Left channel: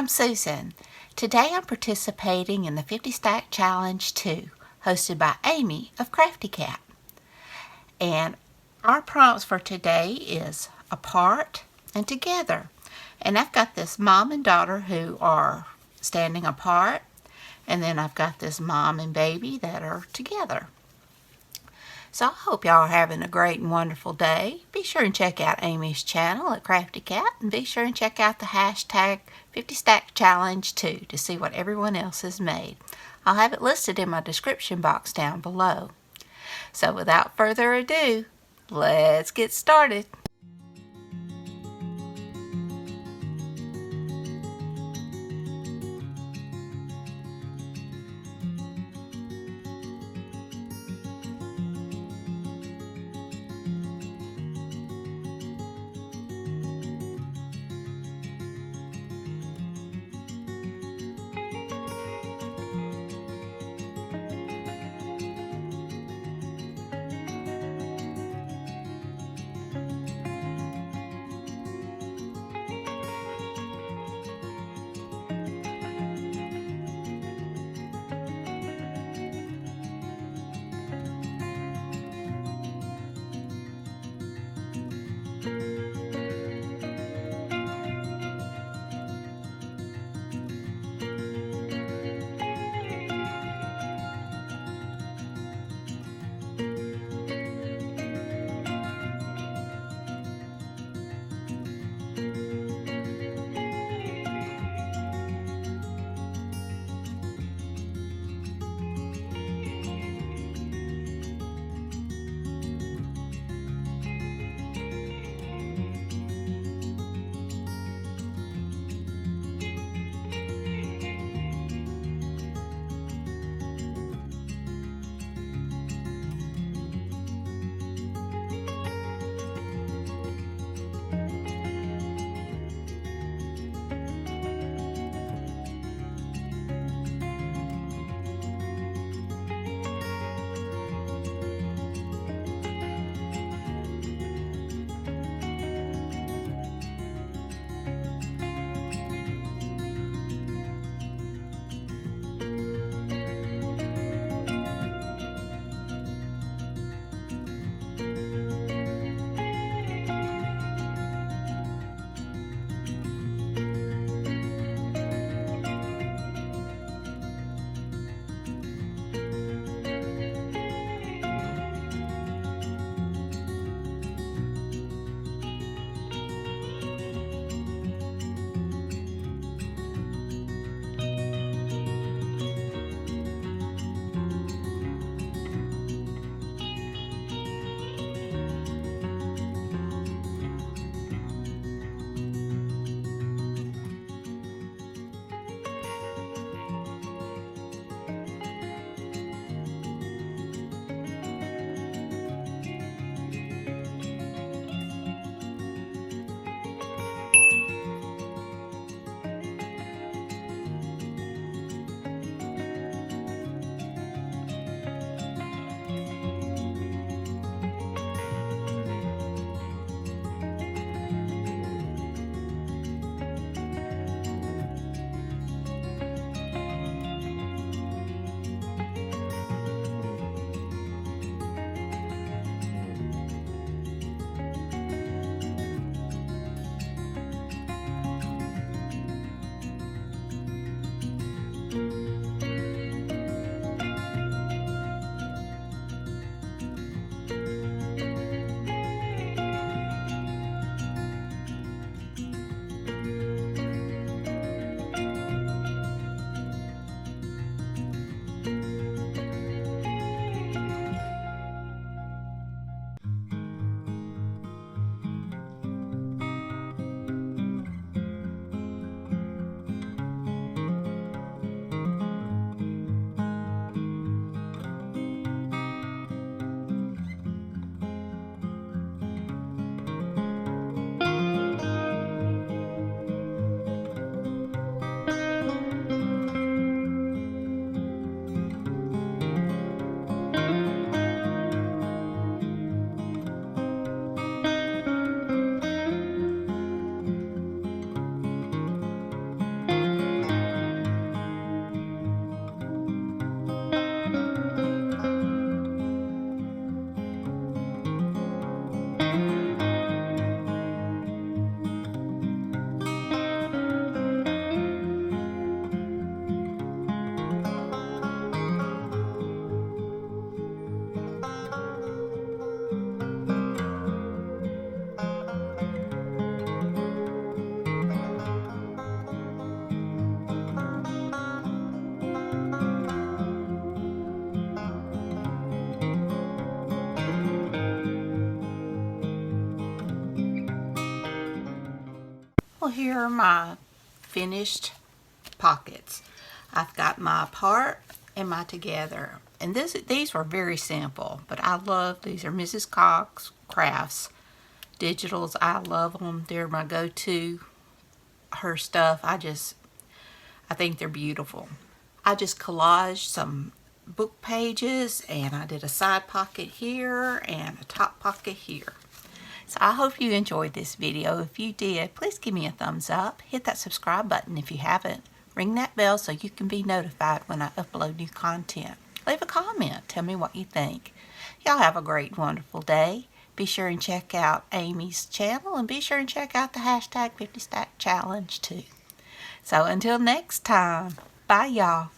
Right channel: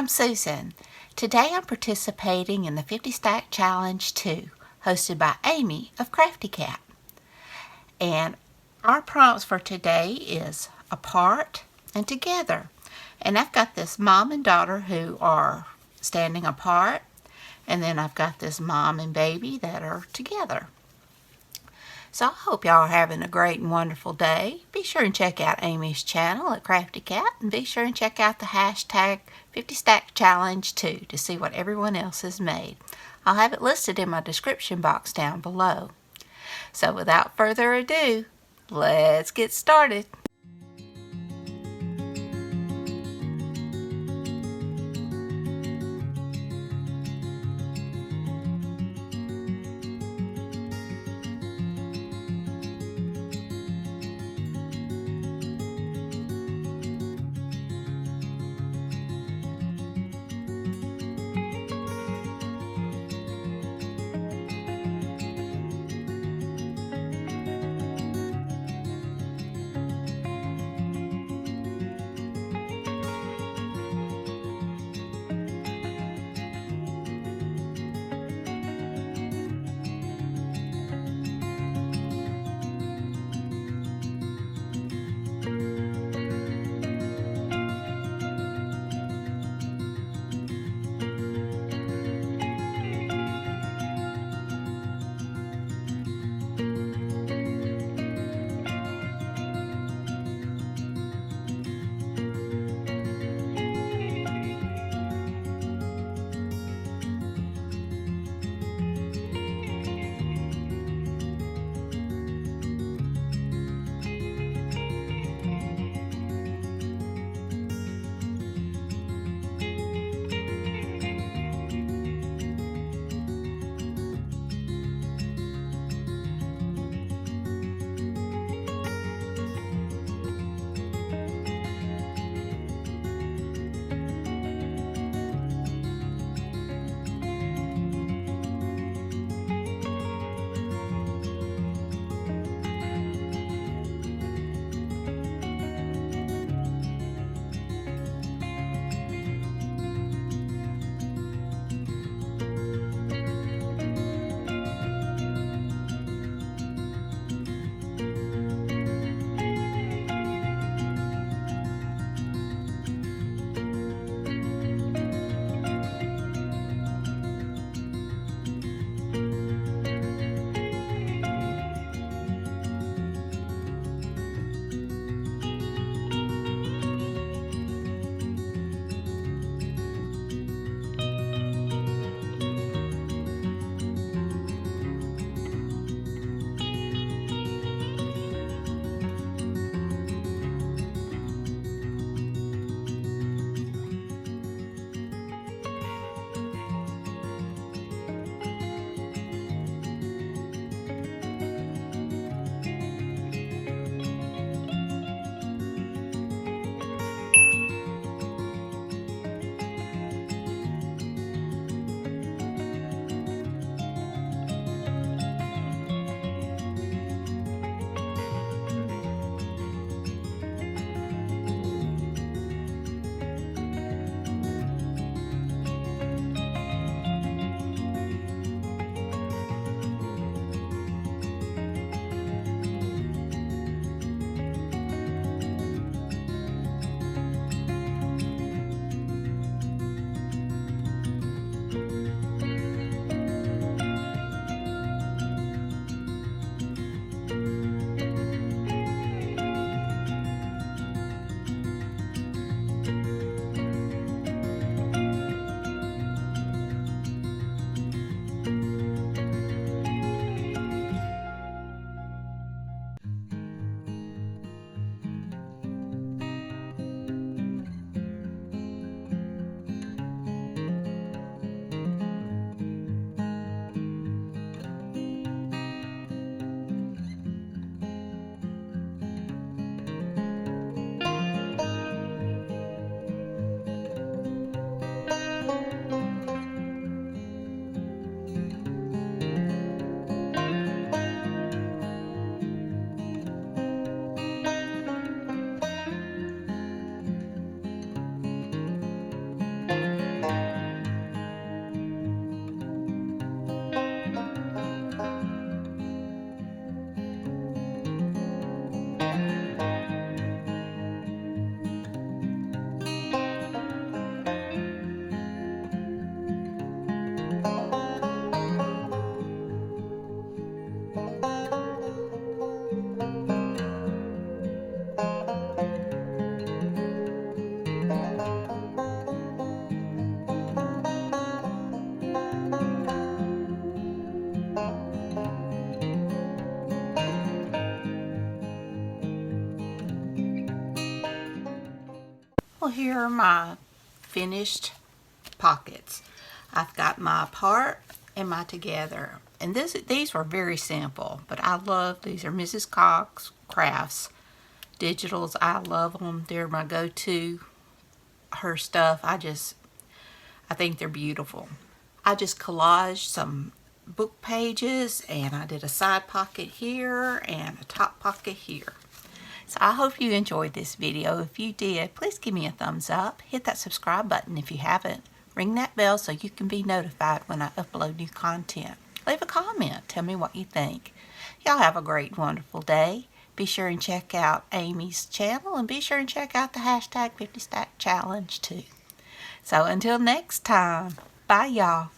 I'm Susan. Today I'm participating in the 50 Stack Challenge 2, hosted by Amy of Crafty Cat. And our prompts for today is apart and together. And I've got this mom and daughter who are standing apart, and then I've got this mom and baby that are together. So I hope y'all are having a great and wonderful day. Be sure and check out Amy's channel at Crafty Cat, and be sure and check out the hashtag 50 Stack Challenge 2 to see what everyone else has made. I'll have it listed in my description box down below. So without further ado, let's get started. Well, here are my finished pockets. I've got my apart and my together. And these were very simple, but I love these. Are Mrs. Cox Crafts digitals. I love them. They're my go-to. Her stuff, I think they're beautiful. I just collaged some book pages, and I did a side pocket here and a top pocket here. So I hope you enjoyed this video. If you did, please give me a thumbs up. Hit that subscribe button if you haven't. Ring that bell so you can be notified when I upload new content. Leave a comment. Tell me what you think. Y'all have a great, wonderful day. Be sure and check out Amy's channel, and be sure and check out the hashtag 50 Stack Challenge too. So until next time, bye y'all.